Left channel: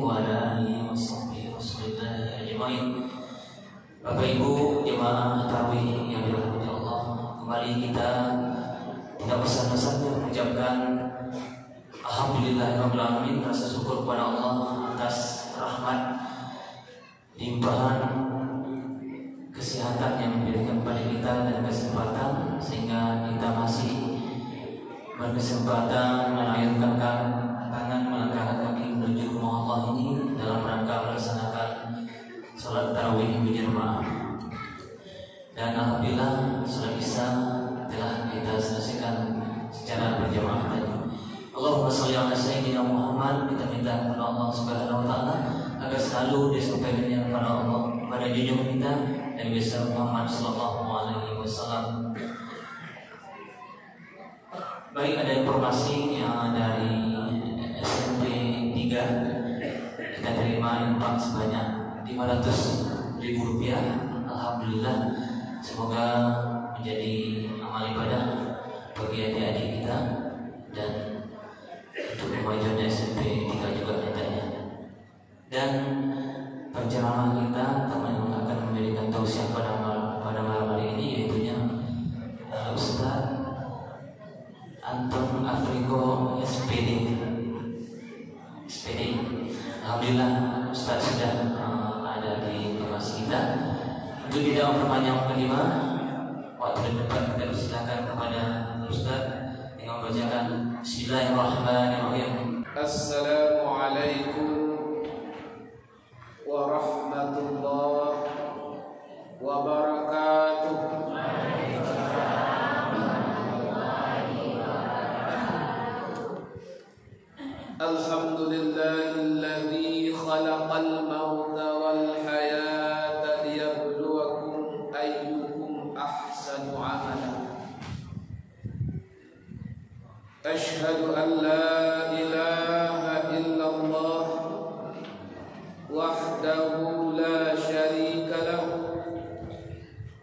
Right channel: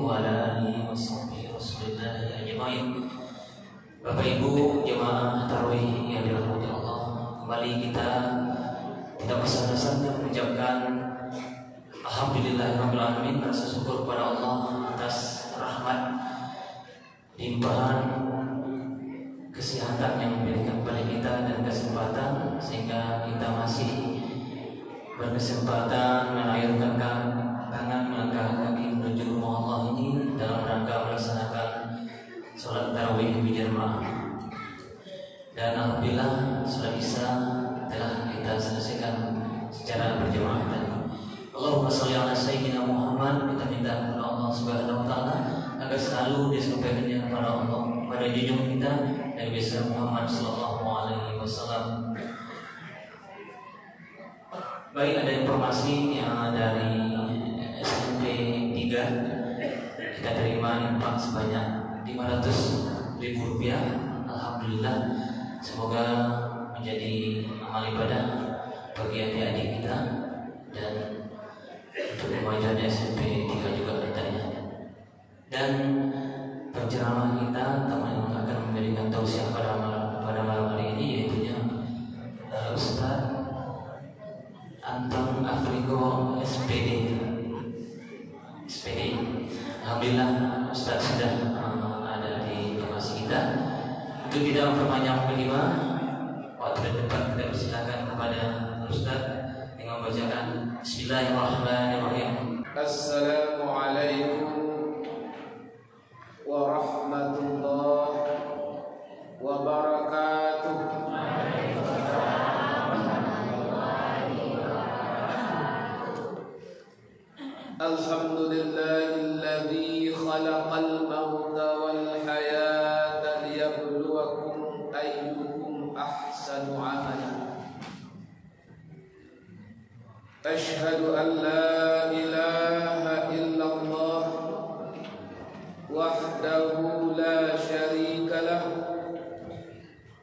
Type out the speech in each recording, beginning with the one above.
wa ala alihi washabbihi wasallam ajmain. Bapak Ibu jemaah tarawih yang dirahmati Allah, kembali kita tidak bersama-sama mengucapkan alhamdulillahirabbil alamin, rasa syukur kepada Allah atas rahmat limpahan kesehatan yang diberikan kepada kita dan kesempatan sehingga kita masih berkesempatan mengakhirkan tangan melangkah kaki menuju rumah Allah ini dalam rangka melaksanakan sholat tarawih berjamaah. Dan alhamdulillah sudah bisa telah kita selesaikan secara berjamaah tadi. Allahumma sholli ala sayyidina Muhammad. Kita minta kepada Allah Subhanahu wa taala agar selalu disampaikan kepada Allah pada junjungan kita Nabi besar Muhammad sallallahu alaihi wasallam. Baik, ada informasi yang dari SMP 3 kita terima infak sebanyak 500.000 rupiah. Alhamdulillah, semoga menjadi amal ibadah bagi adik-adik kita dan untuk kemajuan SMP 3 juga mintanya. Dan penceramah kita kami akan memberikan tausiah pada malam hari ini, yaitu Ustaz Anton Afriko SPD. Alhamdulillah Ustaz sudah ada di kelas kita. Untuk tidak memperpanjang kelima, waktu depan kita persilakan kepada Ustaz dengan membacakan Bismillahirrahmanirrahim. Assalamualaikum warahmatullahi wabarakatuh. Alhamdulillahilladzi khalaqal mauta wal hayata liyabluwakum ayyukum ahsanu amala. Ashhadu an la ilaha illallah wahdahu la syarika lahu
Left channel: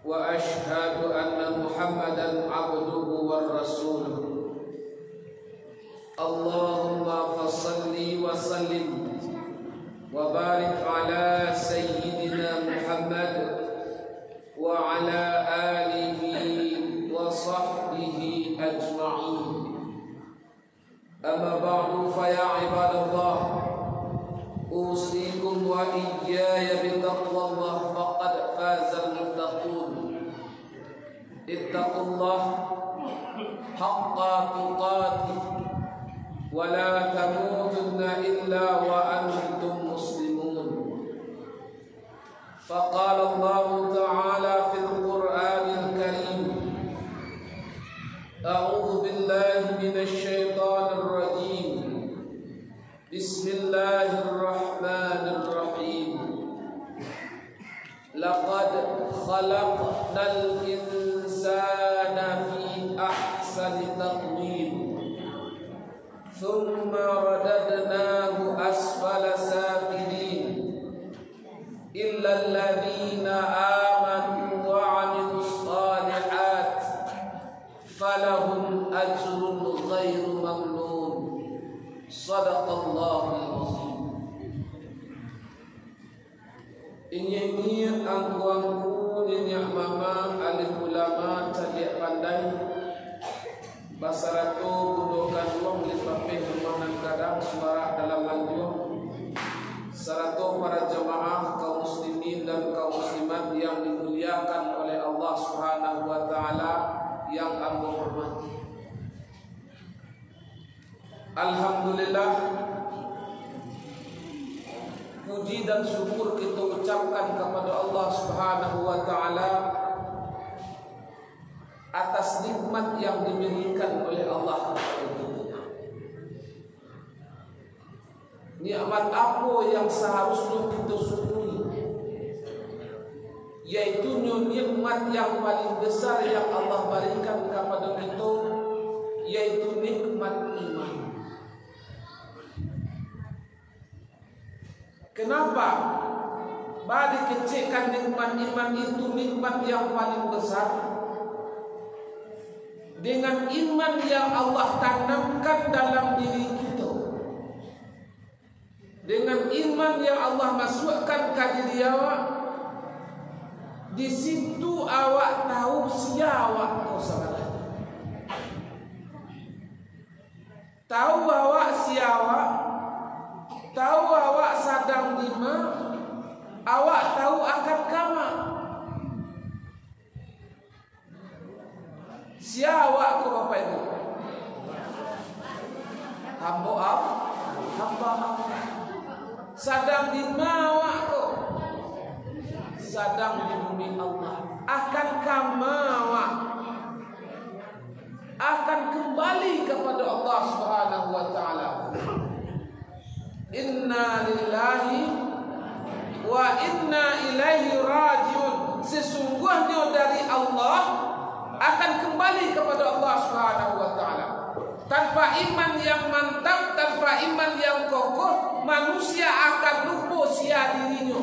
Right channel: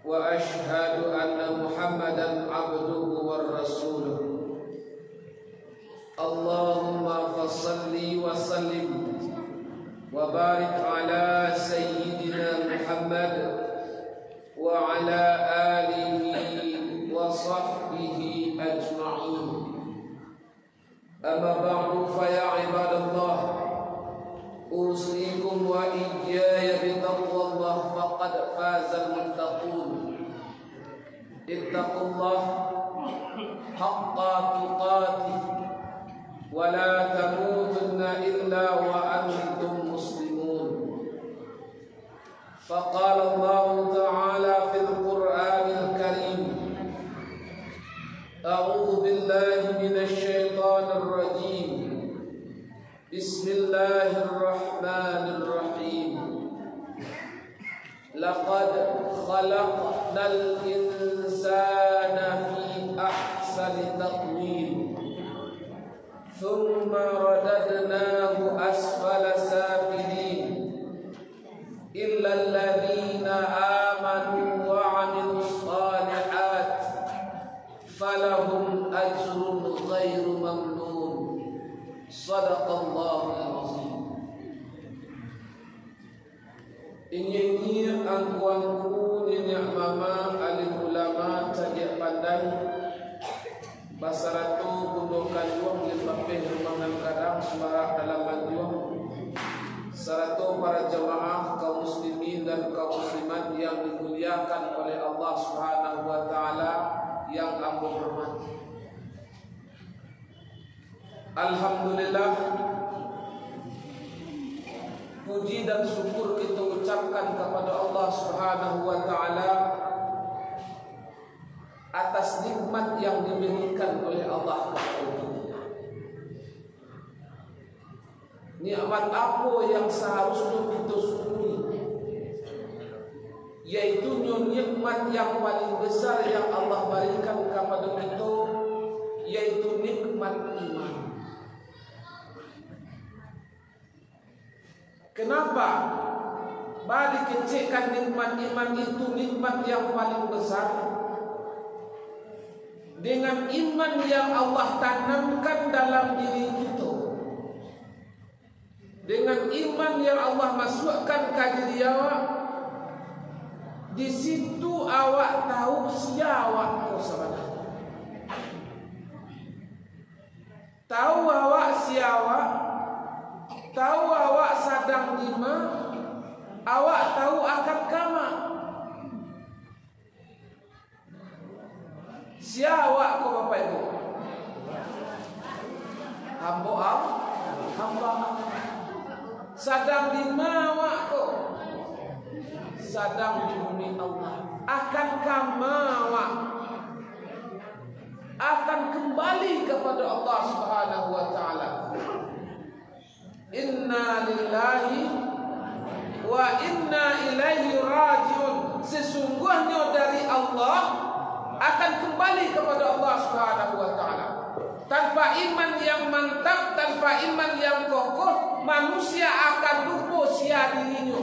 wa ashhadu anna Muhammadan abduhu war rasuluh. Allahumma fassalli wa sallim wa barik ala sayyidina Muhammad wa ala alihi wa sahbihi ajma'in. Amma ba'du, fa ya ibadallah, usikum wa iyaya bitaqwallah faqad fazal muttaqun. Ittaqullah haqqa tuqatih wa la tamutunna illa wa antum muslimun. Faqala Allah ta'ala fil Qur'anil Karim, a'udzu billahi minasy syaithanir rajim. Bismillahirrahmanirrahim. Laqad khalaqnal insana fi ahsani taqwim. ثم رددناه أسفل سافلين إلا الذين آمنوا وعملوا الصالحات فلهم أجر غير ممنون. صدق الله العظيم. Ini angkuangku nini mama alim ulama cadia pandai basaratu gundokan uang lipapeh rumahan kadang suara dalam manjuang saratu para jamaah kaum muslimin dan kaum muslimat yang dimuliakan oleh Allah Subhanahu wa taala yang ambo hormati. Alhamdulillah, puji dan syukur kita ucapkan kepada Allah Subhanahu wa taala atas nikmat yang diberikan oleh Allah kepada kita. Nikmat apa yang seharusnya kita syukuri? Yaitu nikmat yang paling besar yang Allah berikan kepada kita, yaitu nikmat iman. Kenapa? Bagi kecilkan nikmat iman itu nikmat yang paling besar. Dengan iman yang Allah tanamkan dalam diri kita, dengan iman yang Allah masukkan ke diri awak, di situ awak tahu siapa kau sebenarnya. Tahu awak siapa, tahu awak sedang di mana, awak tahu akan kama. Siapa kau Bapak Ibu? Hamba Allah, hamba Allah. Sedang di mana kau? Sedang di bumi Allah. Akan kamawa, akan kembali kepada Allah Subhanahu wa taala. Inna lillahi wa inna ilaihi rajiun. Sesungguhnya dari Allah akan kembali kepada Allah Subhanahu wa taala. Tanpa iman yang mantap, tanpa iman yang kokoh, manusia akan lupa sia dirinya.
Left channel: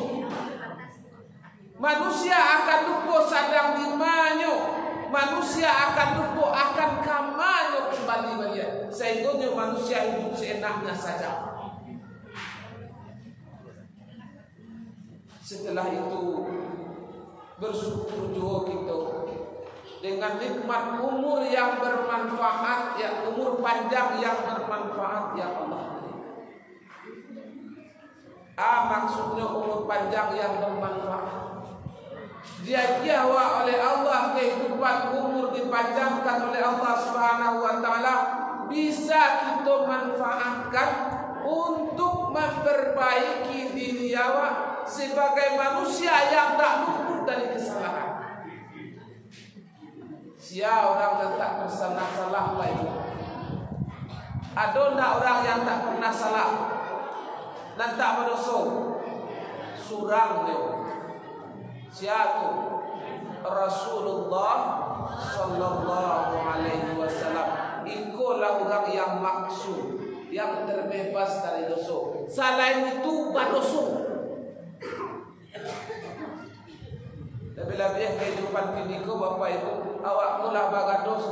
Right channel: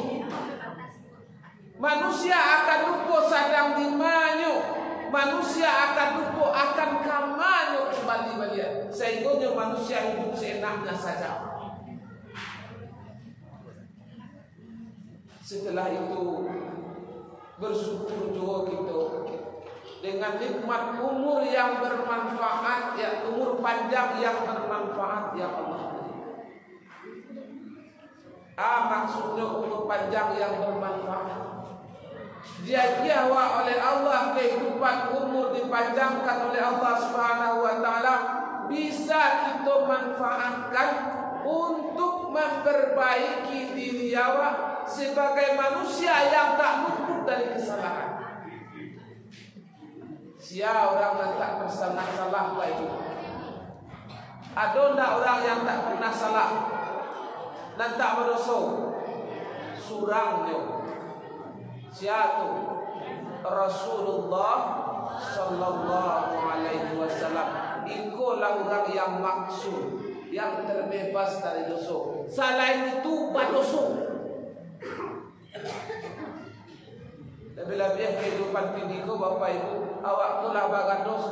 Manusia akan lupa sedang di mana. Manusia akan lupa akan kamanya kembali balik. Sehingga manusia hidup seenaknya saja. Setelah itu bersyukur juga kita dengan nikmat umur yang bermanfaat, ya, umur panjang yang bermanfaat yang Allah beri. Maksudnya umur panjang yang bermanfaat, diajiwa oleh Allah kehidupan umur dipanjangkan oleh Allah Subhanahu wa taala, bisa kita manfaatkan untuk memperbaiki diri awak sebagai manusia yang tak luput dari kesalahan. Sia orang yang tak pernah salah Pak Ibu? Ada tak orang yang tak pernah salah dan tak berdosa? Surangnya. Sia tu Rasulullah sallallahu alaihi wasallam. Ikulah orang yang maksud, yang terbebas dari dosa. Selain itu berdosa. Lebih-lebih kehidupan kiniku Bapak Ibu, awak kulah bagados.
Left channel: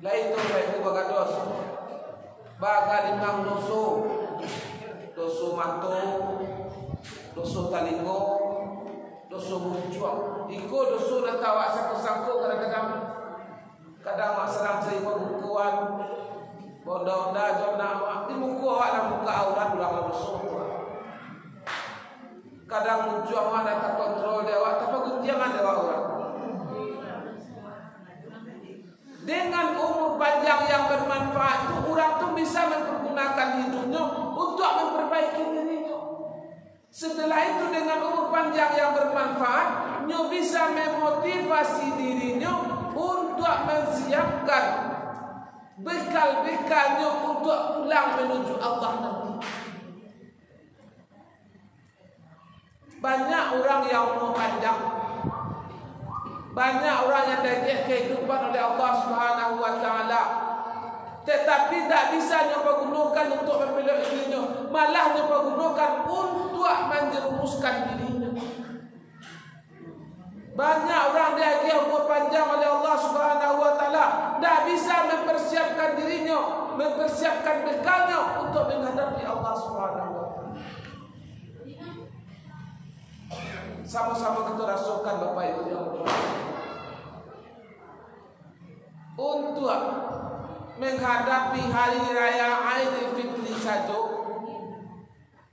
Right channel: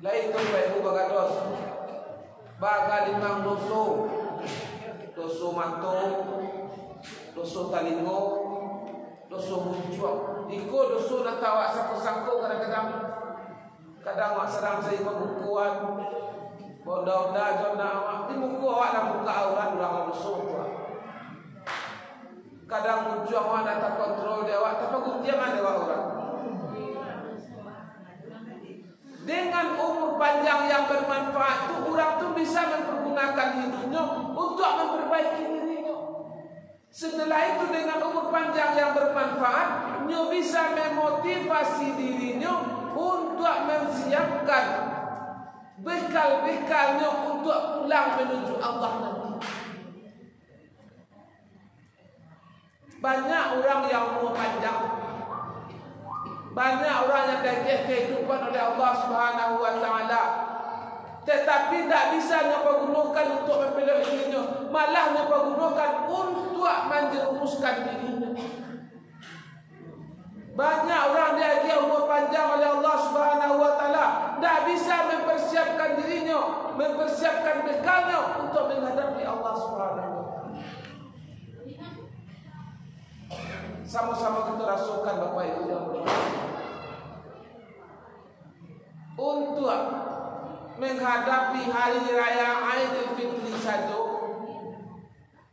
Lain tu Bapak Ibu bagados. Baga limang dosa. Dosa mata, dosa talingo, dosa muncuang. Iko dosa nak awak sangko-sangko kadang-kadang. Kadang awak sedang cari pembukuan. Bonda-bonda jona awak di muka awak dan muka aurat ulang dosa tu. Kadang muncul awak datang kontrol dia awak, tapi gunjangan dia orang. Dengan umur panjang yang bermanfaat tu, orang tu bisa mempergunakan hidupnya untuk memperbaiki dirinya. Setelah itu dengan umur panjang yang bermanfaat, nyo bisa memotivasi dirinya untuk menyiapkan bekal-bekalnya untuk pulang menuju Allah nanti. Banyak orang yang umur panjang, banyak orang yang dikasih kehidupan oleh Allah Subhanahu wa taala, tetapi tak bisa nyoba gunakan untuk membela dirinya, malah nyoba gunakan untuk menjerumuskan dirinya. Banyak orang dikasih umur panjang oleh Allah Subhanahu wa taala, tak bisa mempersiapkan dirinya, mempersiapkan bekalnya untuk menghadapi Allah Subhanahu wa taala. Sama-sama kita rasakan Bapak Ibu yang berbahagia, untuk menghadapi hari raya Aidil Fitri saja,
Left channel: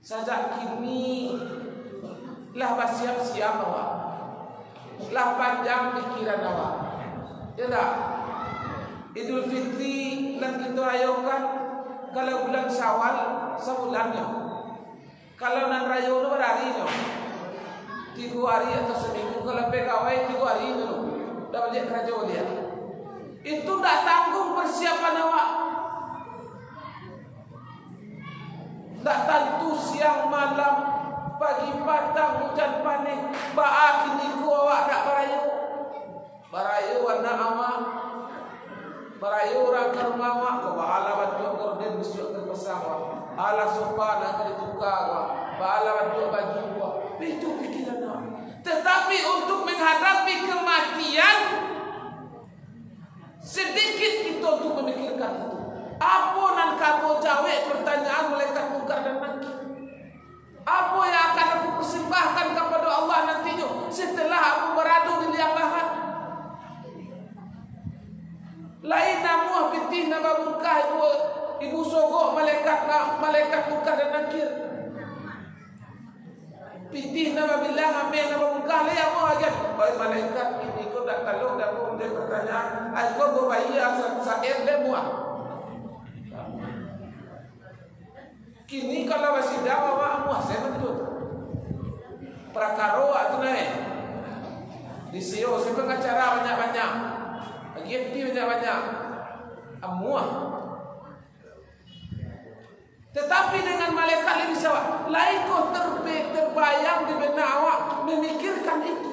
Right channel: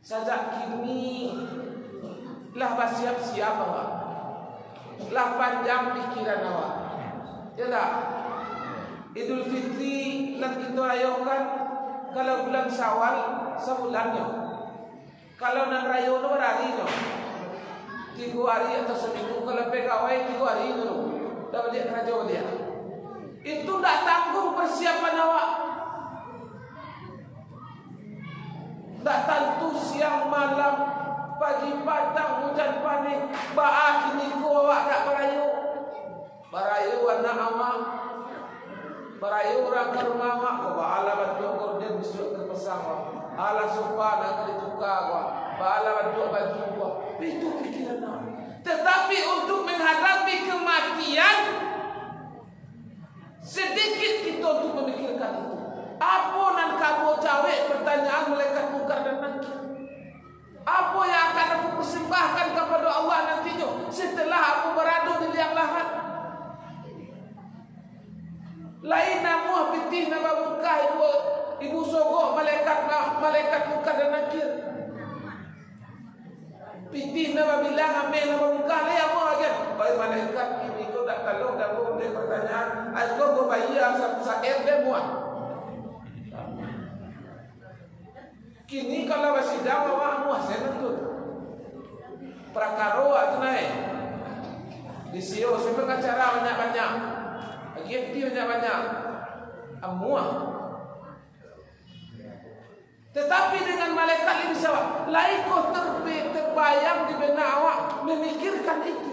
sejak kini lah bersiap-siap awak, lah panjang pikiran awak, ya tak? Idul Fitri nan kita rayakan kalau bulan Syawal sebulannya, kalau nan raya itu berharinya. 3 hari atau seminggu, kalau pegawai 3 hari dulu dah balik kerja dia. Itu tak tanggung persiapan awak. Tak tentu siang malam, pagi petang, hujan panik, baak kini ku awak tak barayu. Barayu anak awak, barayu orang ke rumah awak, kau baala baju gorden besok terpasang awak, ala sopan akan ditukar awak, baala baju baju awak. Itu pikiran awak. Tetapi untuk menghadapi kematian, sedikit kita untuk memikirkan itu. Apa nan kamu jawab pertanyaan malaikat mungkar dan nakir? persembahkan kepada Allah nantinya setelah kamu berada di liang lahat. Lain namuh pitih nama mungkah ibu sogok malaikat mungkar dan nakir. Pitih nama bilang amin nama mungkah lain apa aja. Baik malaikat ini kau tak tahu dah pun dia pertanyaan. Aku berbayar saeb dia muat. Kini kalau masih dah awak muat saya betul. Prakaro tu naik. Di CEO saya pengacara banyak-banyak. GFT banyak-banyak. Amuah. Tetapi dengan malaikat lebih sawak. Lain kau terbayang di benak awak memikirkan itu.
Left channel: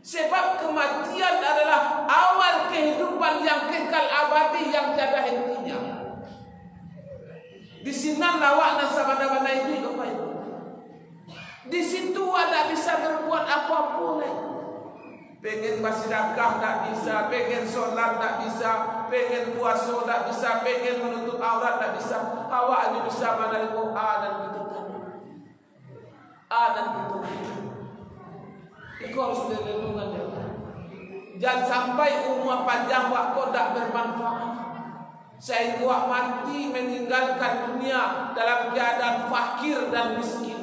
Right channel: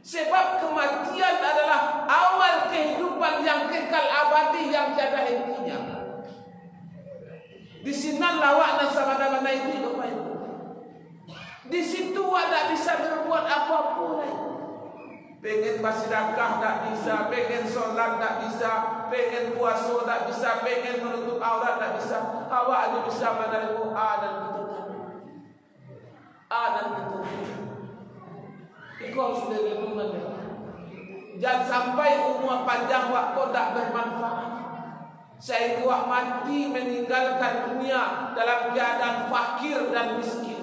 Sebab kematian adalah awal kehidupan yang kekal abadi yang tiada hentinya. Di sini lawak dan sama-sama itu apa itu? Di situ ada bisa berbuat apa-apa lagi. Pengen bersedekah tak bisa, pengen solat tak bisa, pengen puasa tak bisa, pengen menutup aurat tak bisa. Awak hanya bisa mandang Quran dan ketutupan. Dan ketutupan. Itu harus dilindungi dia. Jangan sampai umur panjang waktu tak bermanfaat. Sehingga awak mati meninggalkan dunia dalam keadaan fakir dan miskin.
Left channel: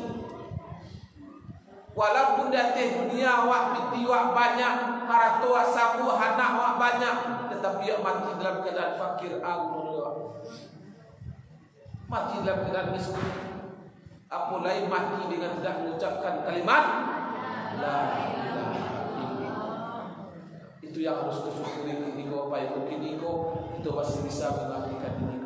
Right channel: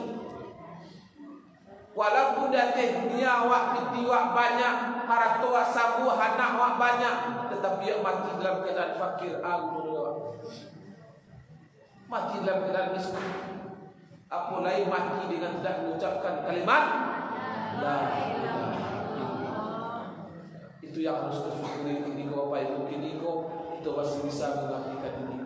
Walaupun datang dunia awak piti awak banyak, harta awak sabu, anak awak banyak, tetapi awak mati dalam keadaan fakir, mati dalam keadaan miskin. Apa lain mati dengan tidak mengucapkan kalimat la ilaha illallah. Itu yang harus disyukuri kini kau Bapak Ibu kini kau itu masih bisa mengabdikan diri.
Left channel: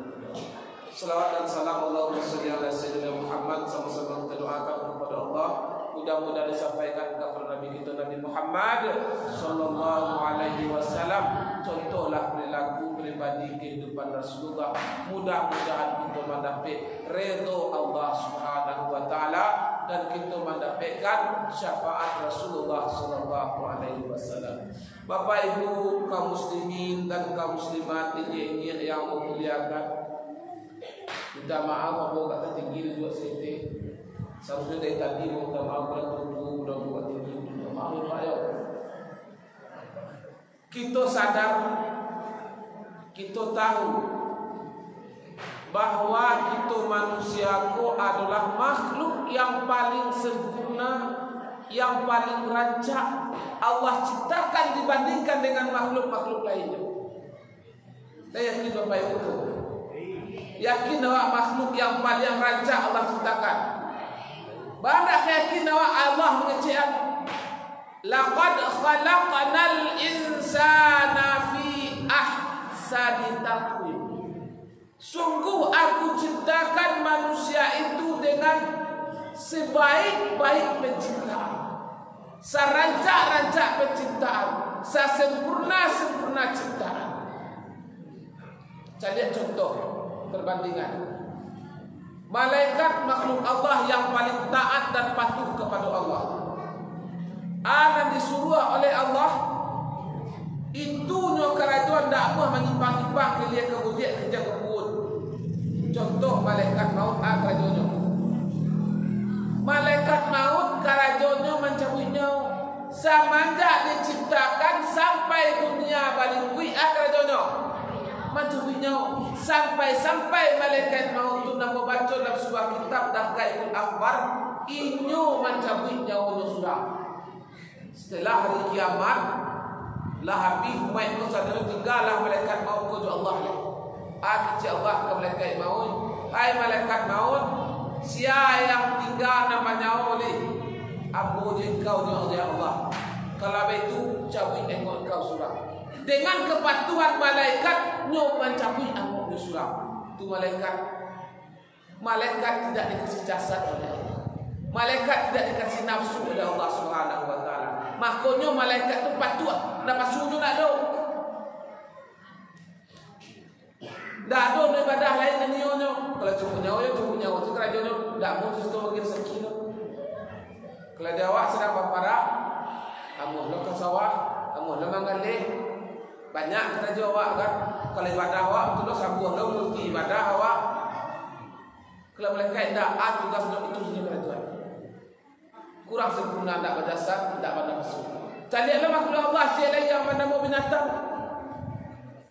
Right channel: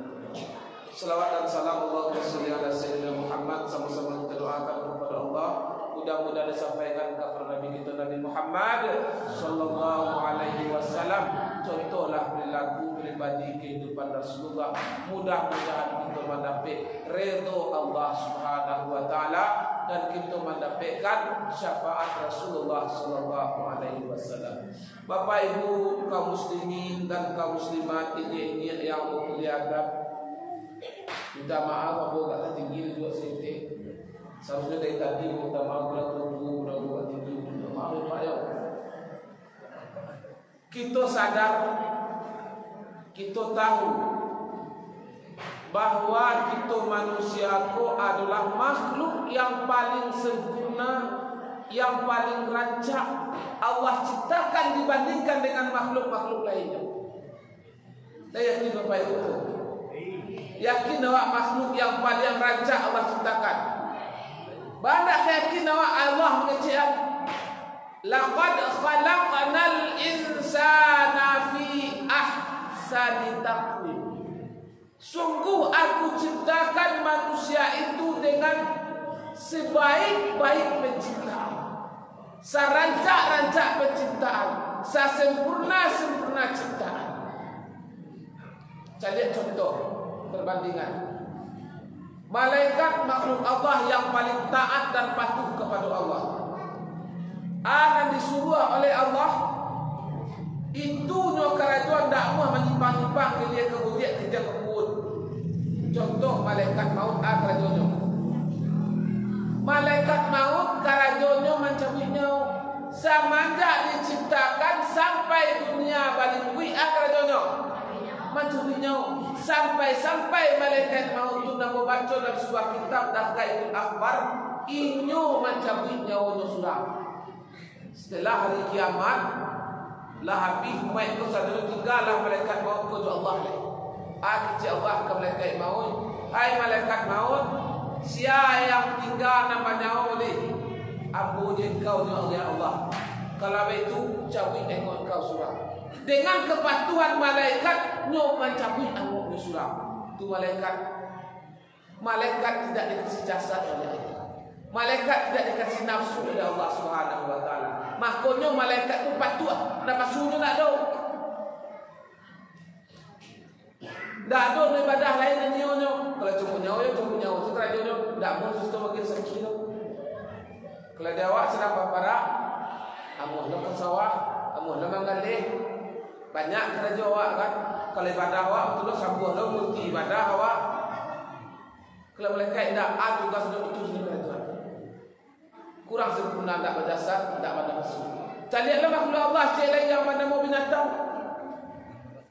Selawat dan salam Allahumma shalli ala sayyidina Muhammad, sama-sama kita doakan kepada Allah. Mudah-mudahan disampaikan kepada Nabi kita Nabi Muhammad sallallahu alaihi wasallam contohlah perilaku pribadi kehidupan Rasulullah. Mudah-mudahan kita mendapat redha Allah Subhanahu wa taala dan kita mendapatkan syafaat Rasulullah sallallahu alaihi wasallam. Bapak Ibu kaum muslimin dan kaum muslimat ini yang memuliakan, minta maaf aku kata tinggi juga sini. Seharusnya dari tadi minta maaf kalau tunggu udah buat tinggi. Minta maaf ya Pak ya. Kita sadar, kita tahu bahwa kita manusia adalah makhluk yang paling sempurna, yang paling rancak Allah ciptakan dibandingkan dengan makhluk-makhluk lainnya. Saya yakin Bapak Ibu itu. Yakin bahwa makhluk yang paling rancak Allah ciptakan. Banyak yakin bahwa Allah mengatakan laqad khalaqnal insana fi ahsani taqwim. Sungguh aku ciptakan manusia itu dengan sebaik-baik penciptaan, serancak-rancak penciptaan, sesempurna-sempurna ciptaan. Saya lihat contoh perbandingan. Malaikat makhluk Allah yang paling taat dan patuh kepada Allah. Anak disuruh oleh Allah itu nyo kerajaan tak mau menyimpang-nyimpang ke dia kemudian kerja kebun. Contoh malaikat maut kerajaannya. Malaikat maut kerajaannya mencabut nyawa. Semenjak diciptakan sampai dunia balik kui kerajaannya mencabut nyawa. Sampai malaikat maut itu nak baca dalam sebuah kitab Daqaiqul Akhbar, inyo mencabut nyawanya sudah. Setelah hari kiamat lah habis umat itu sadar tinggallah malaikat maut ke Allah leh. Kecil Allah ke malaikat maut, hai malaikat maut, siapa yang tinggal nama nyawa leh? Abu je kau ya Allah. Kalau begitu cabut engkau kau surah. Dengan kepatuhan malaikat nyo mencabut anguk di surah. Itu malaikat tidak dikasih jasad oleh Allah. Malaikat tidak dikasih nafsu oleh Allah Subhanahu wa taala. Makanya malaikat tu patuh. Napa suruh nak do? Dak do ibadah lain dan nyo. Kalau cukup nyawa tu kerajaan dak mau justru makin sekilo. Kalau dia awak sedang berparak, amuh lo ke sawah, amuh lo manggalih. Banyak kerja awak kan. Kalau ibadah awak betul sambuh lo multi ibadah awak. Kalau malaikat tidak tugas itu sendiri kerajaan. kurang sempurna, tak berjasad, tak pada nafsu. Lihatlah makhluk Allah cik lain yang mana mau binatang.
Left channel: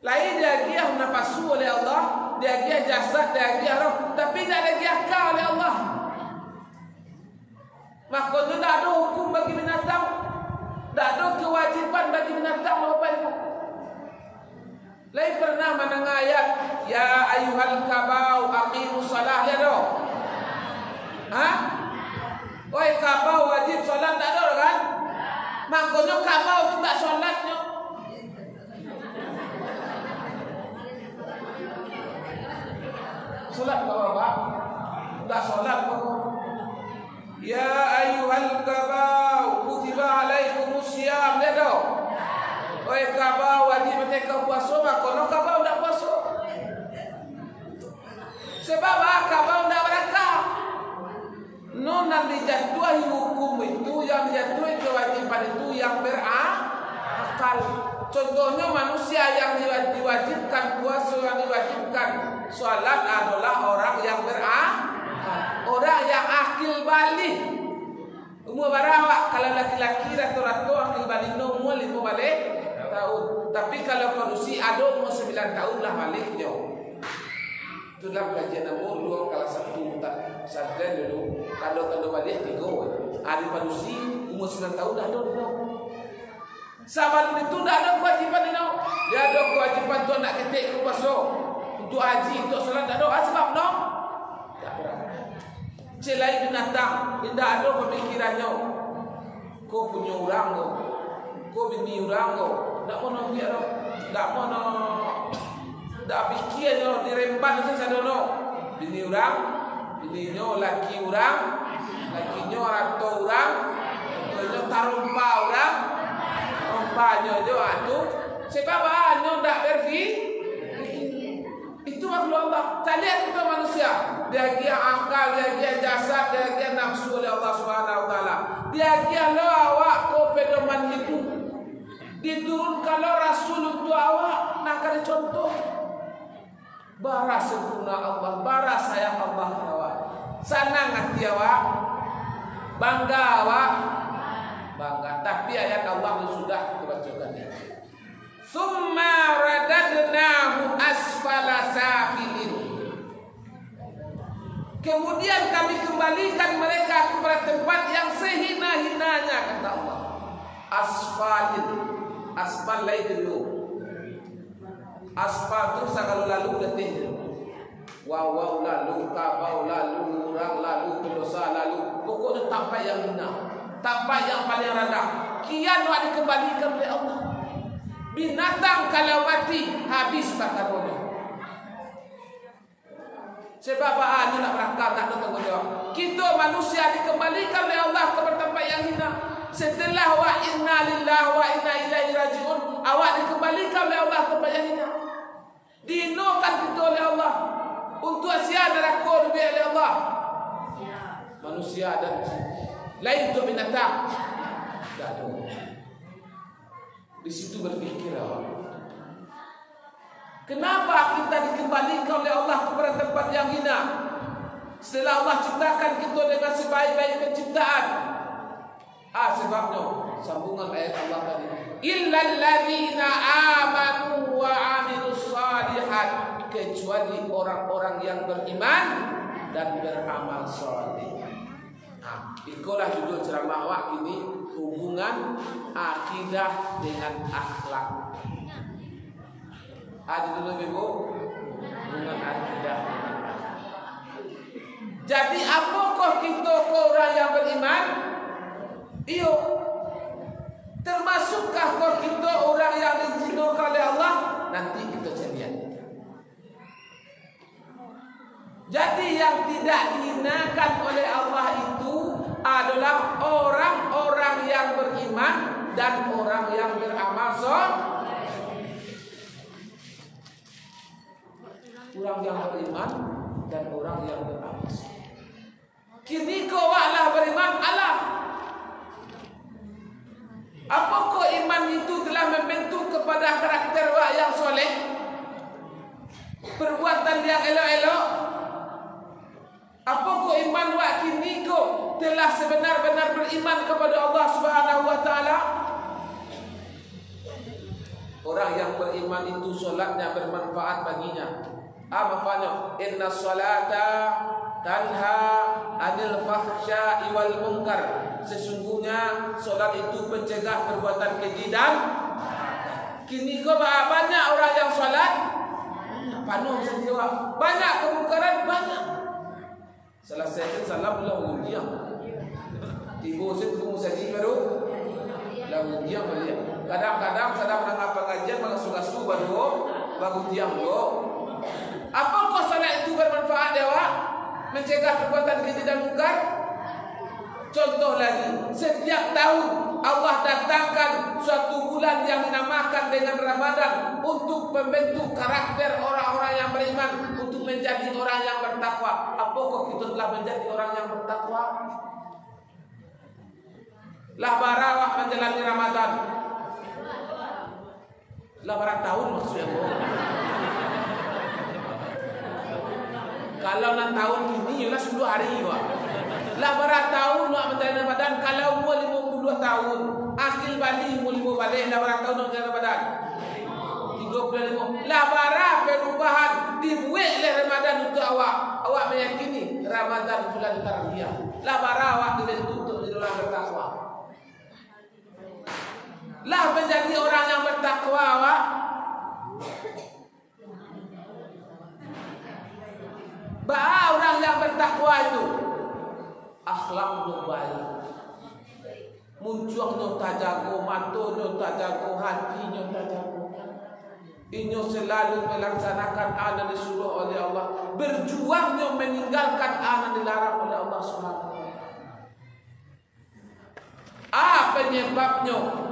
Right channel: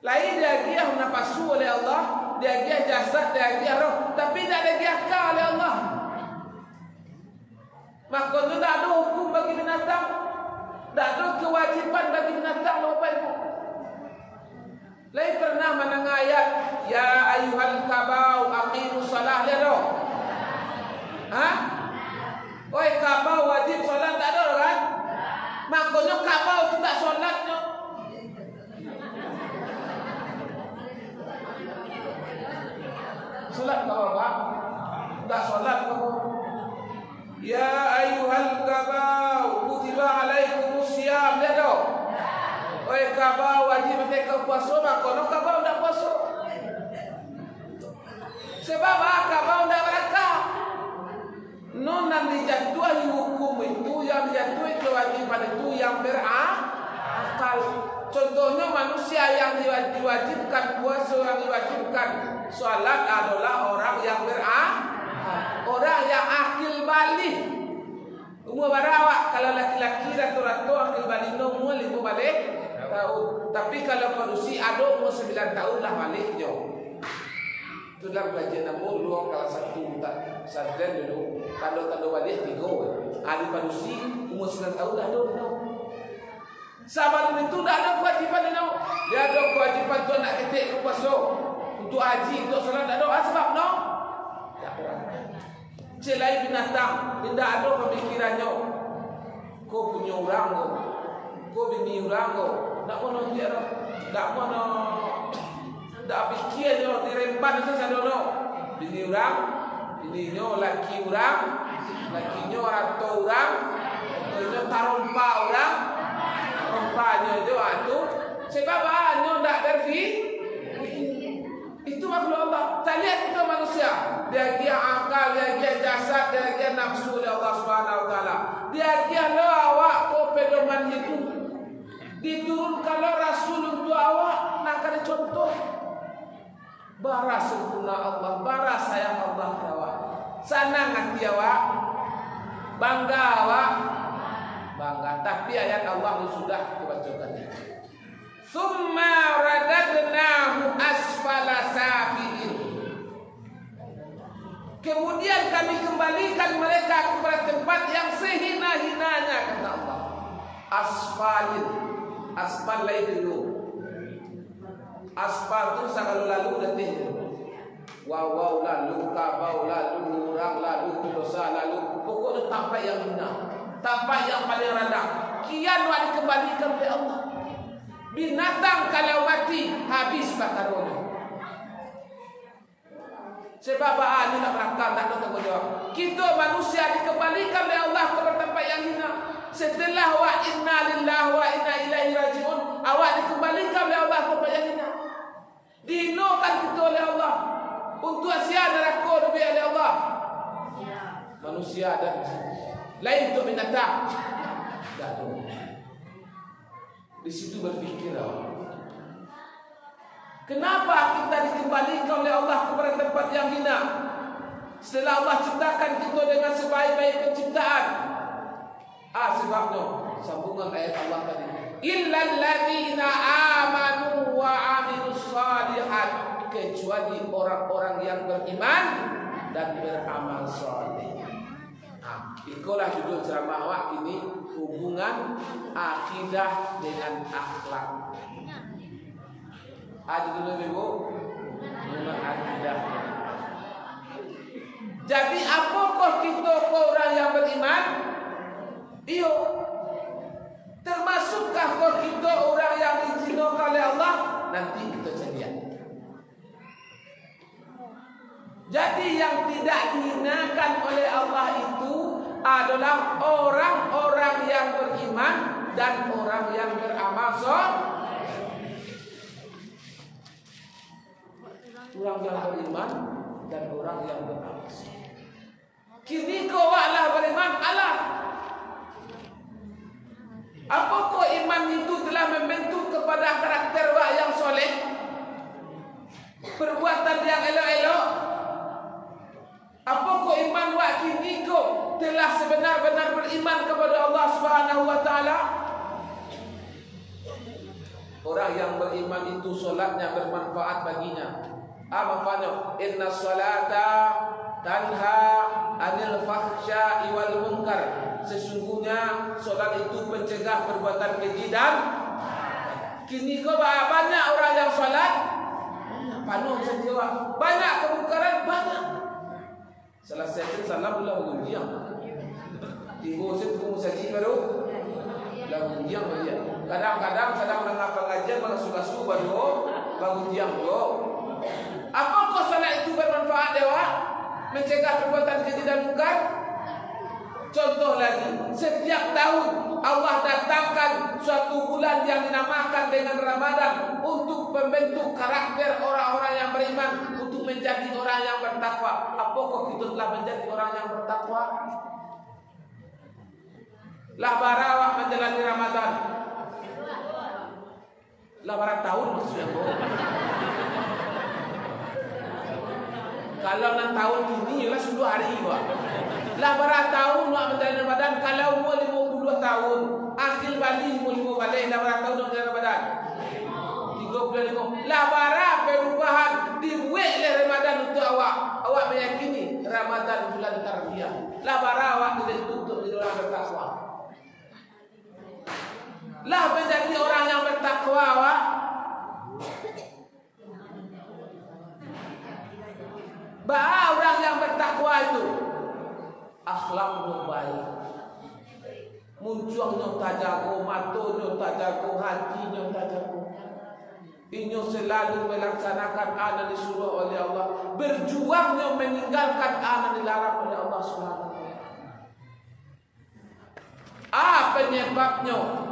Lain dia giah nafsu oleh Allah, dia giah jasad, dia giah roh, tapi tak ada giah akal oleh Allah. Maka itu tak ada hukum bagi binatang, tak ada kewajiban bagi binatang, Bapak Ibu. Lain pernah menang ayat ya ayyuhal kabau aqimus salah, lihat dong. Oi kabau wajib solat, tak ada kan? Makanya kabau tu tak solatnya. Solat kabau Pak? Tak solat kabau. Ya ayyuhal kabau kutiba alaikumus syiyam, lihat dong. Oi kabau wajib mereka puasa, makanya kabau tak puasa. Sebab kabau tak berakal. Yang dijatuhi hukum itu, yang dijatuhi kewajiban itu yang berakal. Contohnya manusia yang diwajibkan puasa, yang diwajibkan salat adalah orang yang berakal, orang yang akil balik. Umur berapa? Kalau laki-laki rata-rata akil balik umur 5 balik tahun. Tapi kalau manusia ada umur 9 tahun lah baliknya. Itu dalam kajian nombor dulu kalau 1 tak sadar dulu tanda-tanda balik 3. Ada manusia umur 9 tahun dah ada no. Sebab itu dah ada kewajipan no. Dia ada kewajipan tu nak ketik ke puasa, untuk haji, untuk solat tak ada. Sebab no tak berakal. Celai binatang tidak ada pemikirannya. Kau punya orang kau bini orang tak mau dia tak mau tak fikirnya diremban saja dono. Bini orang, bininya laki orang, lakinya ratu orang, ratunya tarumpa orang, rompanya juga tu. Sebab hanya tak berfikir. Itu makhluk Allah. Tak lihat kita manusia. Dia gia akal, dia gia jasad, dia gia nafsu oleh Allah Subhanahu Wa Taala. Dia gia lo awak ko pedoman itu. Diturunkan lo Rasul untuk awak. Nak ada contoh. Bara sempurna Allah, bara sayang Allah ke awak. Senang hati awak, bangga awak, bangga. Tapi ayat Allah sudah dibacakan. Summa radadnahu asfala safilin. Kemudian kami kembalikan mereka kepada tempat yang sehina-hinanya, kata Allah. Asfalin, asfal laidu. Asfal tu sakalu lalu letih. Waw lalu, kabau lalu, orang lalu, pendosa lalu. Pokoknya tempat yang hina, tempat yang paling rendah. Kian wak dikembalikan oleh Allah. Binatang kalau mati habis bakarannya. Sebab ini nak berakal, tak ada tanggungjawab. Kita manusia dikembalikan oleh Allah ke tempat yang hina. Setelah wa inna lillahi wa inna ilaihi rajiun, awak dikembalikan oleh Allah ke tempat yang hina. Dihinakan kita oleh Allah. Untuk asia neraka lebih oleh Allah. Manusia dan lain untuk binatang. Tak ada. Di situ berfikir kenapa kita dikembalikan oleh Allah kepada tempat yang hina setelah Allah ciptakan kita dengan sebaik-baik penciptaan? Sebabnya sambungan ayat Allah tadi, illal ladzina amanu wa amilus shalihat, kecuali orang-orang yang beriman dan beramal saleh. Itulah judul ceramah awak kini, hubungan akidah dengan akhlak. Judul Ibu, hubungan akidah dengan akhlak. Jadi apakah kita ke orang yang beriman? Iyo. Termasukkah kita orang yang diizinkan oleh Allah? Nanti kita lihat. Jadi yang tidak dihinakan oleh Allah itu adalah orang-orang yang beriman dan orang yang beramal saleh. Orang yang beriman dan orang yang beramal saleh. Kini kau lah beriman Allah. Apakah iman itu telah membentuk kepada karakter wak yang soleh? Perbuatan yang elok-elok? Apakah iman wak kini kau telah sebenar-benar beriman kepada Allah Subhanahu wa taala? Orang yang beriman itu solatnya bermanfaat baginya. Maknanya inna salata tanha anil fahsya'i wal munkar. Sesungguhnya solat itu pencegah perbuatan keji dan kini kau banyak orang yang solat banyak panuh bisa dijawab, banyak kemungkaran banyak. Salah satu salam lah ujian. Tiba set ku saji baru lah ujian dia. Kadang-kadang sedang dengar pengajian malah suka-suka baru ujian go. Apa kau salat itu bermanfaat dewa? Mencegah perbuatan keji dan mungkar? Contoh lagi, setiap tahun Allah datangkan suatu bulan yang dinamakan dengan Ramadan untuk membentuk karakter orang-orang yang beriman, untuk menjadi orang yang bertakwa. Apakah kita telah menjadi orang yang bertakwa? Lah barawak menjalani Ramadan. Lah barat tahun maksudnya boh. Kalau 6 tahun kini ialah 10 hari wak. Lah barat tahun wak menjalani Ramadan. Kalau mu 52 tahun, akil balik mu 5 balik. Lah barat tahun wak menjalani Ramadan 35. Lah barat perubahan dibuat oleh Ramadan untuk awak. Awak meyakini Ramadan bulan tarbiyah. Lah barat awak dibentuk untuk menjadi orang bertakwa. Lah menjadi orang yang bertakwa awak. Bah orang yang bertakwa itu akhlaknya baik, munculnya tak jago, matanya tak jago, hatinya tak jago. Inyo selalu melaksanakan ana disuruh oleh Allah, berjuangnya meninggalkan ana dilarang oleh Allah Subhanahu wa taala. Apa penyebabnya?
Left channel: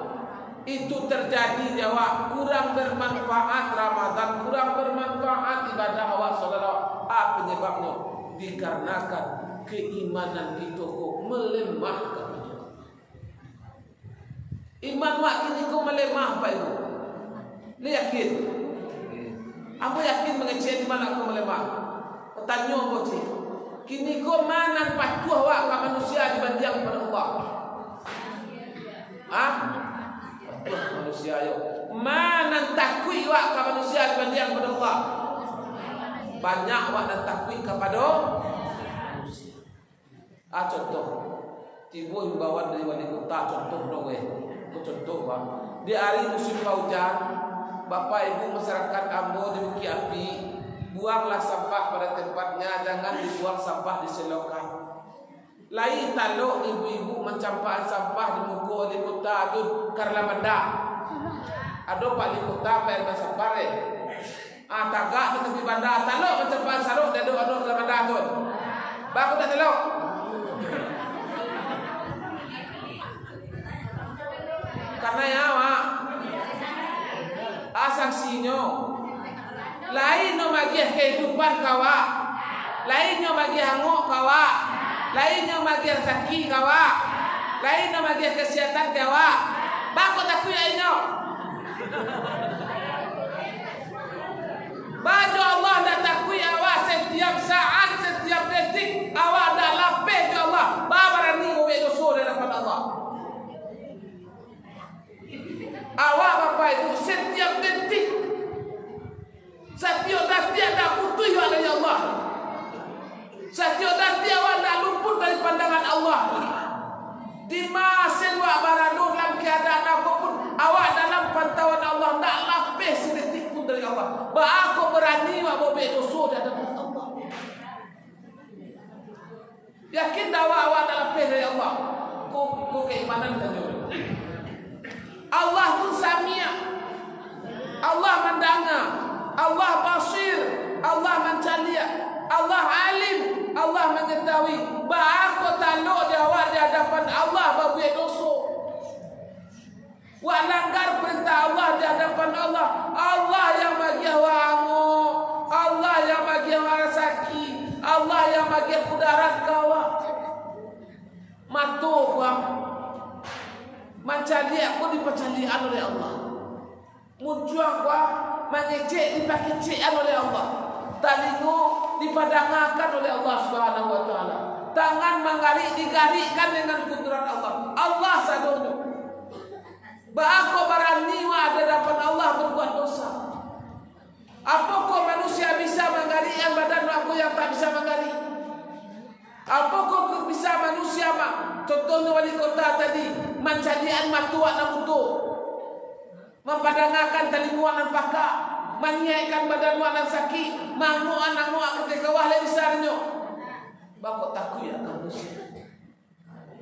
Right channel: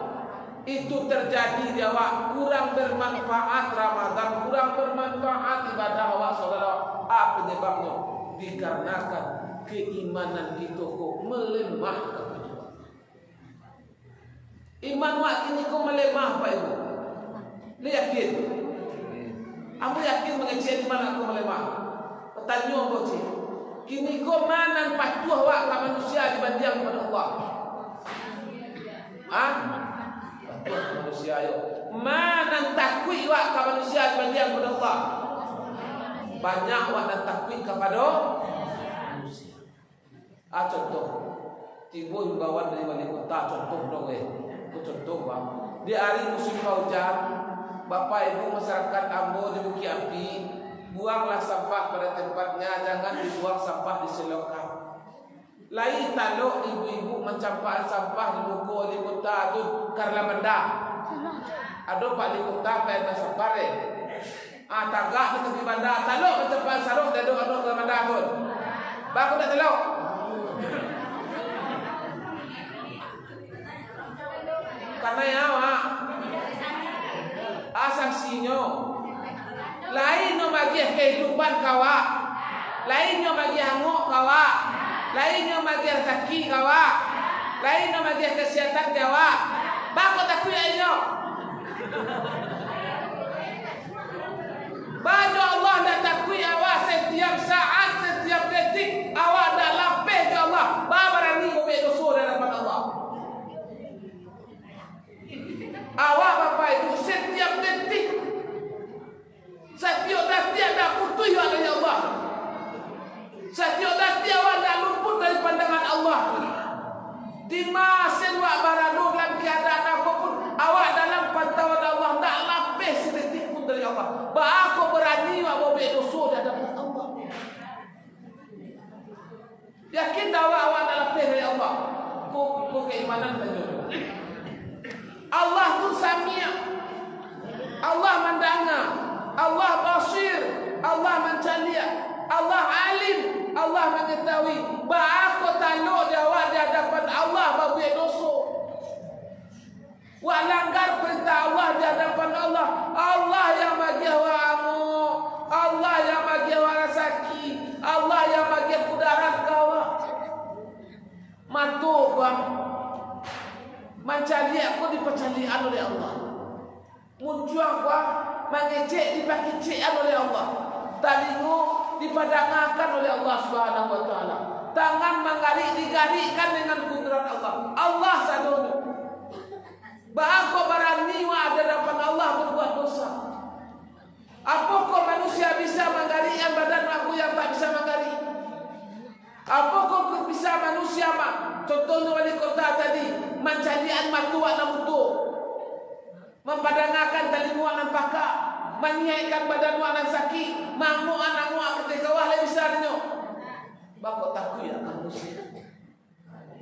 Itu terjadi jawab kurang bermanfaat Ramadan, kurang bermanfaat ibadah awak saudara. Apa penyebabnya? Dikarenakan keimanan kita kok melemah kepada Allah. Iman wak kini kok melemah Pak Ibu. Lu yakin? Aku yakin mengecek iman aku melemah. Pertanyaan apa cik? Kini kok mana patuh wak ke manusia dibanding kepada Allah? Patuh manusia ayo. Mana takwi wak ke manusia dibanding kepada Allah? Banyak wak dan takwi kepada manusia. Contoh, tiba himbauan dari wali kota, contoh dong contoh bang. Di hari musim hujan, bapak ibu masyarakat Ambo di Bukit Api, buanglah sampah pada tempatnya, jangan dibuang sampah di selokan. Lai taluk ibu-ibu mencampakkan sampah di muka wali kota tu karena benda. Ada pak wali kota bayar sampah tagak di tepi bandar taluk mencampakkan saruk dan ada karena benda tu. Baku tak taluk. Karena ya mak sanksinya lain no bagi kehidupan kawak, lain no bagi hanguk kawak, lain no bagi rezeki kawak, lain no bagi kesehatan kawak. Bako tak kuinya. Baju Allah dah takwi awak setiap saat, setiap detik awak dah lapeh ke Allah. Babarani ubek dosa di hadapan Allah. Awak bapak itu setiap detik, setiap detik ada putus dari Allah. Setiap detik awak dah luput dari pandangan Allah. Di masa awak berada dalam keadaan apapun, awak dalam pantauan Allah, tak lapis sedetik pun dari Allah. Aku berani awak bawa dosa di hadapan Allah. Yakin awak tak lapis dari Allah. Kau keimanan tanya. Allah pun samia, Allah mendengar, Allah basir, Allah mencalia, Allah alim, Allah mengetahui. Aku taluk jawab di hadapan Allah babuai dosa. Wak langgar perintah Allah di hadapan Allah. Allah yang bagi awak anguk, Allah yang bagi awak rezeki, Allah yang bagi kudarat kawak. Matu kuam. Mencari aku dipecalian oleh Allah. Muncul aku mengecek dipakician oleh Allah. Talingu dipadangakan oleh Allah Subhanahu wa taala. Tangan menggarik digarikan dengan kudrat Allah. Allah sadono. Bako barani wa ada depan Allah berbuat dosa. Apakah manusia bisa menggarikan badan aku yang tak bisa menggarik? Apakah bisa manusia contohnya wali kota tadi mencadian matuak na mutu, mempadangkan telinguan dan paka, menyiaikan badan wa nan sakit, manguan nanguak ketika wah lebih besarnya. Bako takut ya manusia.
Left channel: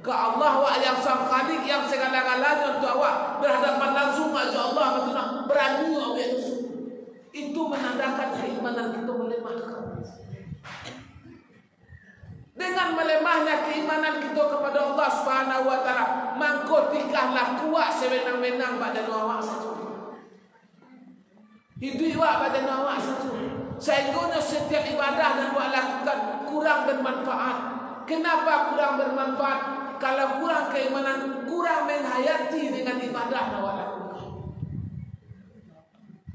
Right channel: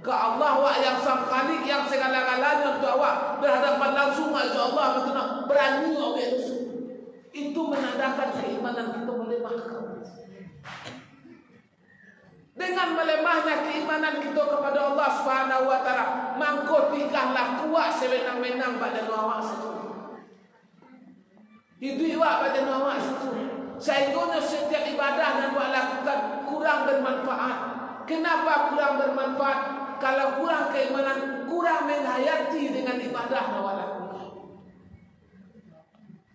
Ke Allah wa yang sang khalik yang segala-galanya untuk awak berhadapan langsung aja Allah betul berani awak musuh. Itu menandakan keimanan kita melemah. Dengan melemahnya keimanan kita kepada Allah Subhanahu wa taala, mangko tikahlah kuat sewenang-wenang badan awak saja. Hidup awak badan awak saja. Sehingga setiap ibadah dan awak lakukan kurang bermanfaat. Kenapa kurang bermanfaat? Kalau kurang keimanan, kurang menghayati dengan ibadah awak lakukan.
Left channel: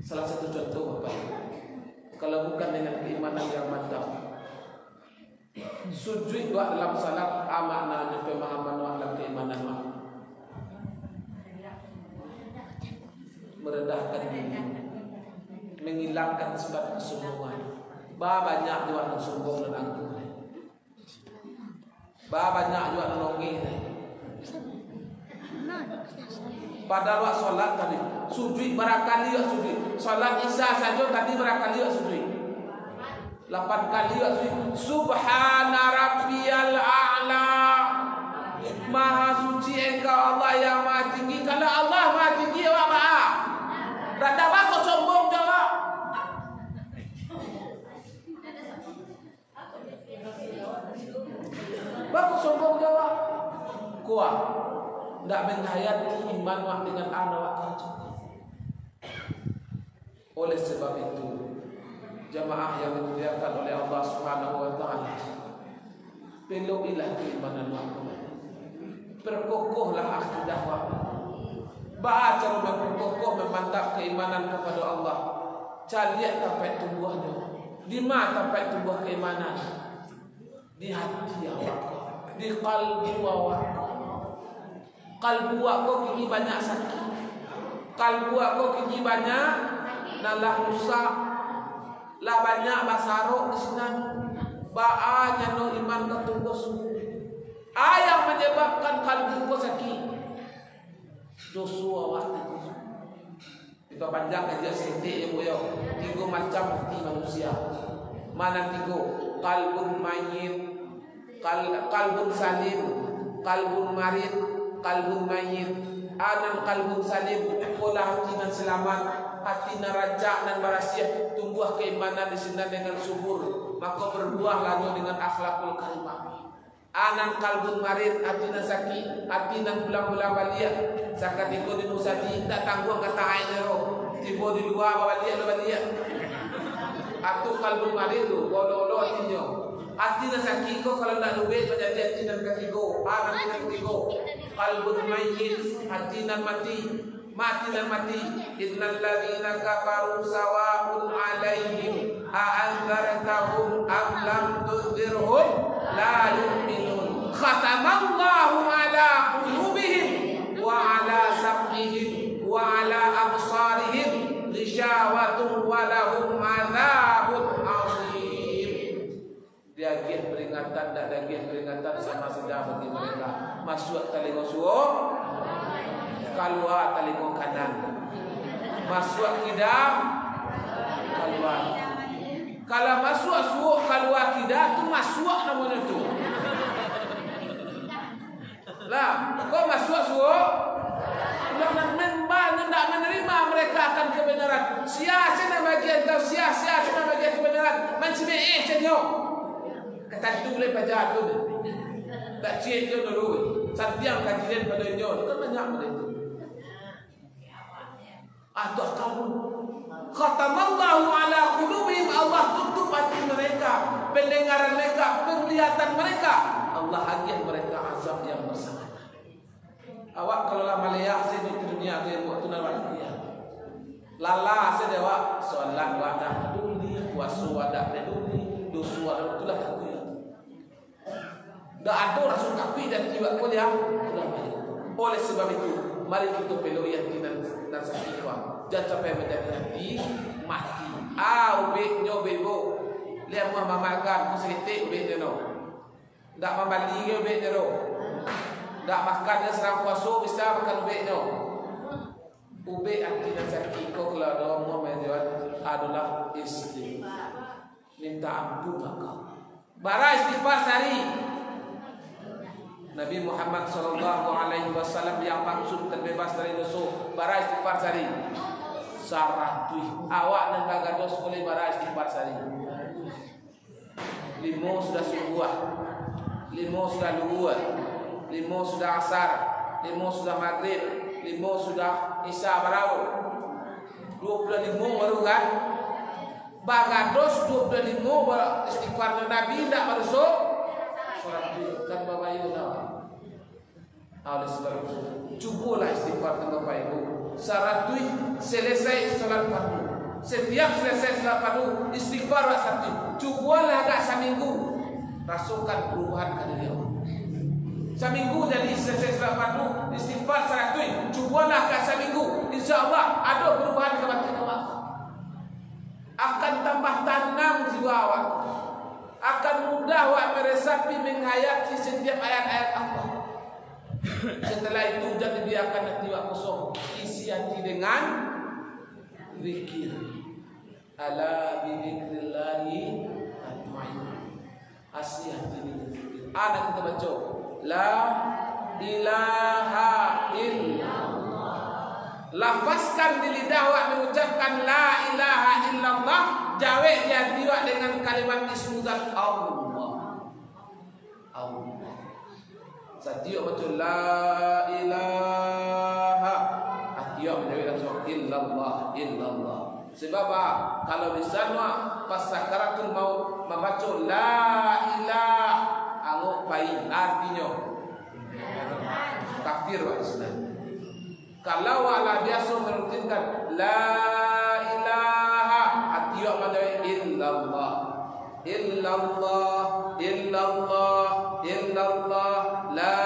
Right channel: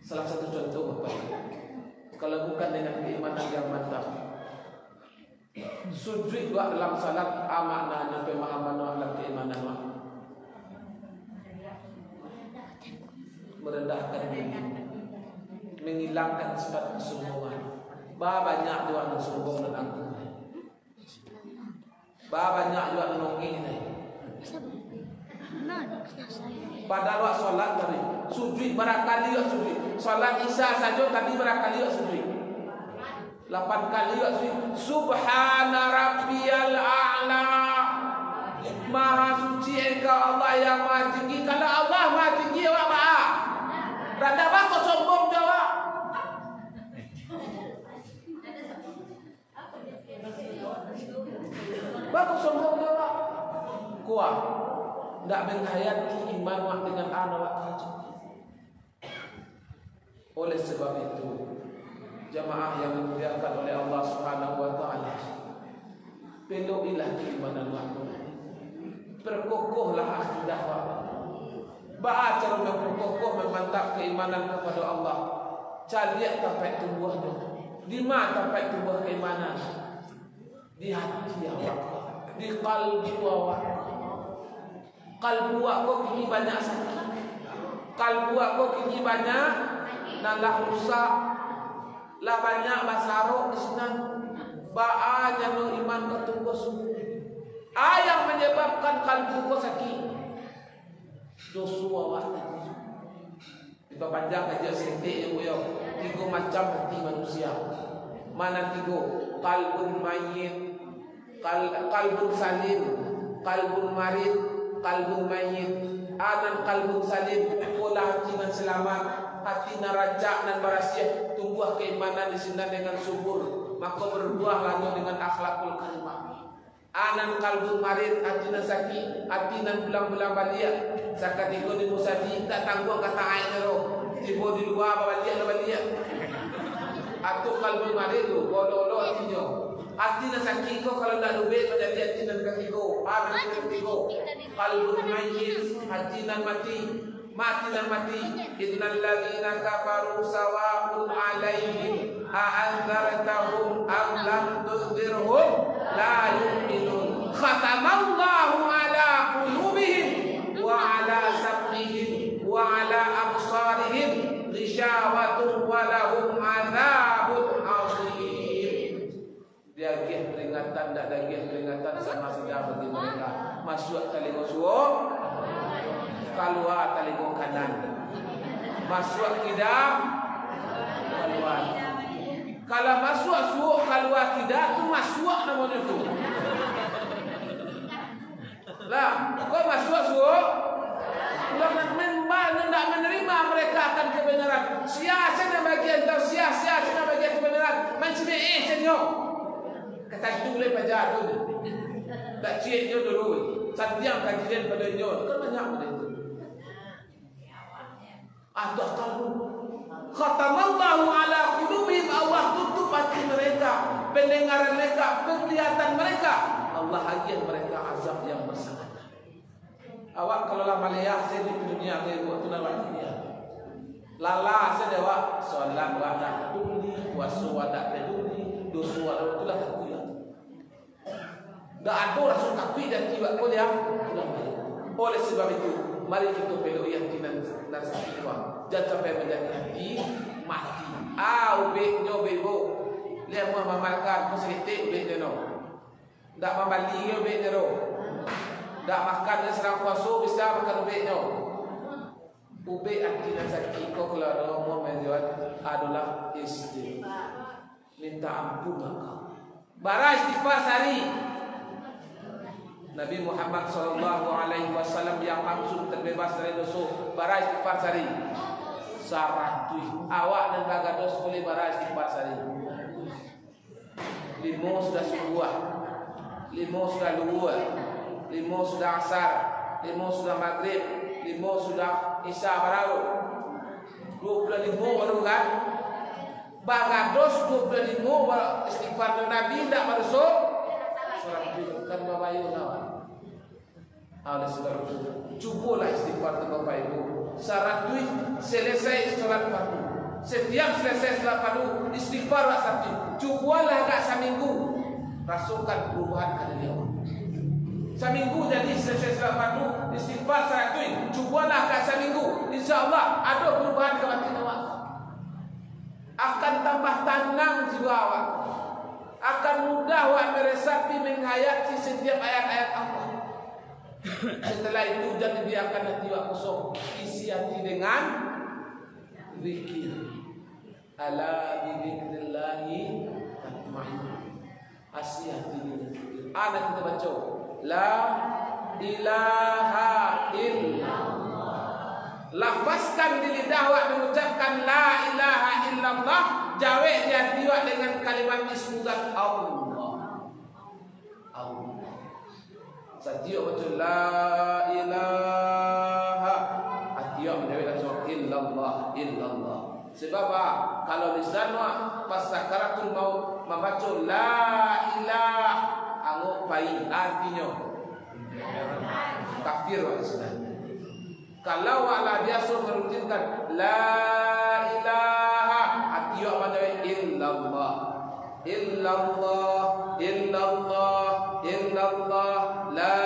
Salah satu contoh apa itu? Kalau bukan dengan keimanan yang mantap, sujud doa dalam salat maknanya pemahaman doa dalam keimanan doa, merendahkan diri, menghilangkan sifat kesombongan. Banyak doa yang sombong dan angkuh. Banyak doa yang nongih. Pada waktu solat tadi sujud berakali waktu sujud. Solat Isya saja tadi berakali waktu sujud. 8 kali waktu sujud. Subhana rabbiyal a'la. Maha suci engkau Allah yang maha tinggi. Kalau Allah maha tinggi awak maha. Rada bako sombong jawab. Bako sombong jawab. Kuat. Tak menghayati iman wak dengan anak wak kerja. Oleh sebab itu, jamaah yang dimuliakan oleh Allah Subhanahu wa taala, peluilah keimanan wak. Perkokohlah akidah wak. Ba cara memperkokoh memantap keimanan kepada Allah. Caliak sampai tumbuhnya. Di mana sampai tumbuh keimanan? Di hati awak, di kalbu awak. Kalbu aku kini banyak sakit. Kalbu aku kini banyak nalah rusak. Lah banyak basarok di sana. Ba'anya no iman ketunggu semua. Yang menyebabkan kalbu ku sakit. Dosu awak tadi. Kita panjang aja setik ya boyo. 3 macam hati manusia. Mana 3? Kalbun mayyit, kalbun salim, kalbun marid, kalbun mayyit. Anan kalbun salim, pola hati nan selamat, hati nan raja nan barasiah, tumbuh keimanan di sini dengan subur, maka berbuahlah dengan akhlakul karimah. Anan kalbun marid, hati nan sakit, hati nan bulang-bulang baliak, sakatiko di musadi, tak tangguh kata air roh, tiba di luar baliak lo baliak. Atau kalbun marid tu, bolo-bolo hatinya. Hati nak sakit ko kalau nak duit menjadi hati nan ketiga. Hati nan ketiga. Qalbun mayyit, hati nan mati. Mati nan mati. Innal ladzina kafaru sawa'un 'alaihim a anzartahum am lam tunzirhum la yu'minun. Khatamallahu 'ala qulubihim wa 'ala sam'ihim wa 'ala absarihim ghishawatun wa lahum 'adzabun 'adzim. Dia giat peringatan, tak ada giat peringatan sama saja bagi mereka. Masuk telinga suo, keluar telinga kanan. Masuk kidam, keluar. Kalau masuk suo, keluar kidam, tu masuk namanya tu. Lah, kau masuk suo, sudah tidak menerima mereka akan kebenaran. Sia-sia bagian tau, sia-sia bagian kebenaran. Mencibik cenyo. Kata tu boleh baca tu. Tak cik je dulu. Satiang kajian pada nyo. Kan banyak pada itu. Aduh kamu. Khatamallahu ala qulubihim. Allah tutup hati mereka, pendengaran mereka, penglihatan mereka. Allah hadiah mereka azab yang bersangatan. Awak kalau lah malaya saya di dunia ke buat tunan waktu dia. Lala saya dewa solat wadah peduli, puasa wadah peduli, dosa wadah itulah takut. dak ada rasul takwi dan tiba pun yang ulama. Oleh sebab itu, mari kita peluk yakinan nasaki kuat. Jangan sampai menjadi hati mati. Ubek nyo bebo. Lihat mua mamalkan ku sedikit ubek nyo. Dak mamali ke ubek nyo. Dak makan serang puasa bisa makan ubek nyo. Ubek hati nasaki ko kalau ada mua menjawab adalah istighfar. Minta ampun maka. Bara istighfar sehari. Nabi Muhammad SAW yang maksud terbebas dari dosa bara istighfar sehari. Saratui awak dan bagados boleh bara istighfar sehari. 5 sudah subuh, 5 sudah luhur, 5 sudah asar, 5 sudah maghrib, 5 sudah isya baru 25 baru kan. Bagados 25 istighfar Nabi tidak berdosa. Saratui kan Bapak Ibu nawa. Oleh sebab itu, cubalah istighfar Bapak Ibu. Saratui selesai salat fardu. Setiap selesai salat fardu istighfar satu. Cubalah agak seminggu. Rasakan perubahan pada dia. Seminggu jadi selesai salat fardu istighfar saratui. Cubalah agak seminggu. Insya-Allah ada perubahan ke batin awak. Akan tambah tenang jiwa awak. Akan mudah awak meresapi menghayati setiap ayat-ayat Allah. Setelah itu jangan dibiarkan hati awak kosong. Isi hati dengan zikir. Ala bi dzikrillahi tatmainnul. Isi hati dengan zikir. Anak kita baca la ilaha illallah. Lafazkan di lidah awak mengucapkan la ilaha illallah. Jawab di hati awak dengan kalimat ismuzat Allah. Allah. Setiap macam la ilaha. Hati awak menjawab langsung illallah, illallah. Sebab kalau lisan awak pas sakaratul maut membaca la ilaha, anggap baik artinya kafir awak Islam. Kalau awak biasa merutinkan la ilaha, hati awak menjawab illallah, illallah, illallah, illallah, la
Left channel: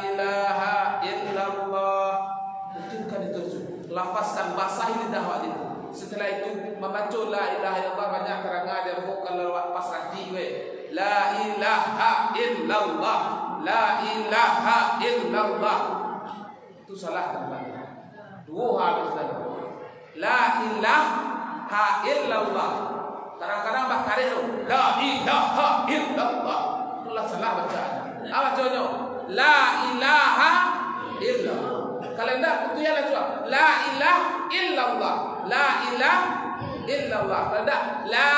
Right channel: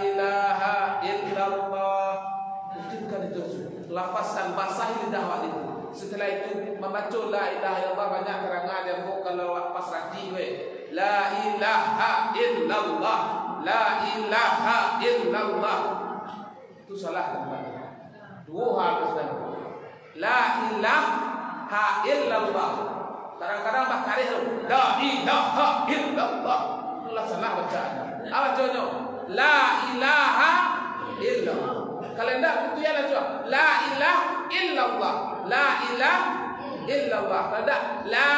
ilaha illallah. Rutinkan itu, lafazkan basahi lidah awak itu. Setelah itu membaca la ilaha illallah banyak terangan dia kalau awak pasrah di la ilaha illallah, la ilaha illallah. Itu salah teman-teman. Dua hal Islam. La ilaha illallah. Kadang-kadang bakari tu la ilaha illallah. Itulah salah bacaannya. Apa bacanya? La ilaha illallah. Kalau tidak kutuyanlah cuma la ilaha illallah. La ilaha illallah. Kalau tidak la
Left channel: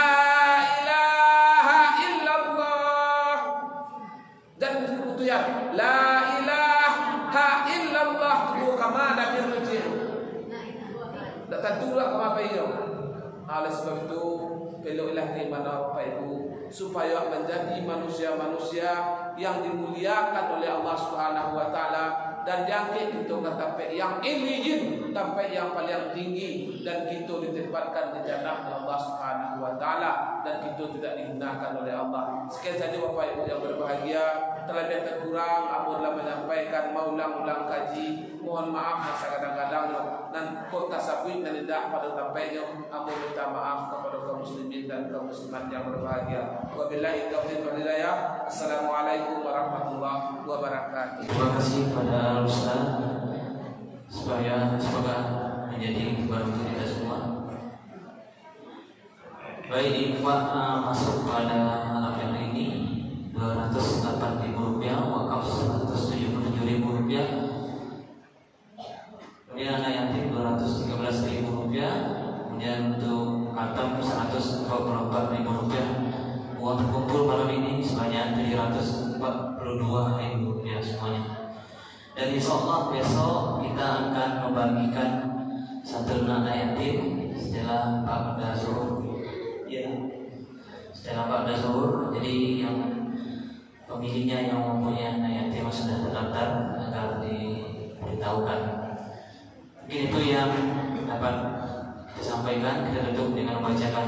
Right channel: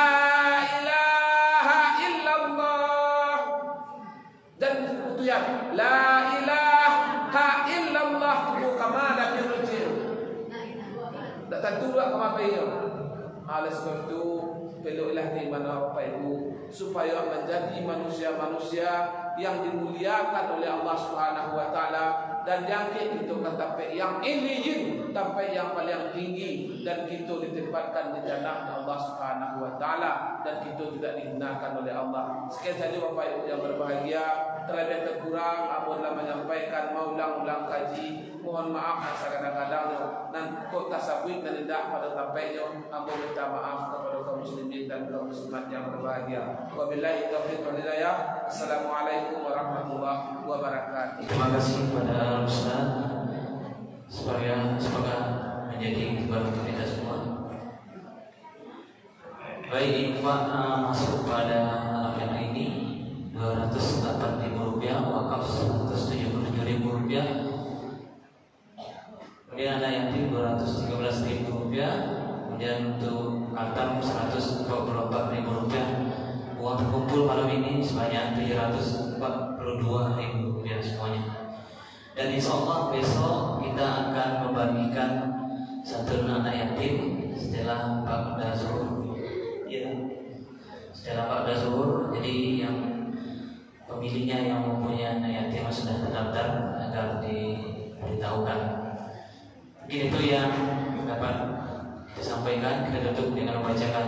ilaha illallah. Dan kutuyan la ilaha illallah tu kamala birrijil. Tak tentu juga ke apa ini. Oleh sebab itu peluklah keimanan Bapak Ibu supaya menjadi manusia-manusia yang dimuliakan oleh Allah Subhanahu wa taala dan diangkat untuk sampai yang iliyin sampai yang paling tinggi dan kita ditempatkan di jannah Allah Subhanahu wa taala dan kita tidak dihinakan oleh Allah. Sekian saja Bapak Ibu yang berbahagia, terlebih terkurang apabila menyampaikan mau ulang-ulang kaji, mohon maaf masa kadang-kadang dan kok tasabui dan tidak pada sampainya. Ampun minta maaf kepada kaum muslimin dan kaum muslimat yang berbahagia. Wabillahi taufiq wal hidayah. Assalamualaikum warahmatullahi wabarakatuh. Terima kasih kepada Ustaz, semoga menjadi kebarukan untuk kita semua. Baik, infak masuk pada yang ini Rp208.000, wakaf Rp177.000, kemudian anak yatim Rp213.000, kemudian untuk atam Rp124.000. Uang terkumpul malam ini sebanyak Rp342.000 semuanya. Dan insya Allah besok kita akan membagikan satu anak yatim setelah Ba'da Zuhur. Ya, setelah Ba'da Zuhur. Jadi yang pemiliknya yang mempunyai anak yatim sudah terdaftar agar diberitahukan. Mungkin itu yang dapat disampaikan. Kita tutup dengan membacakan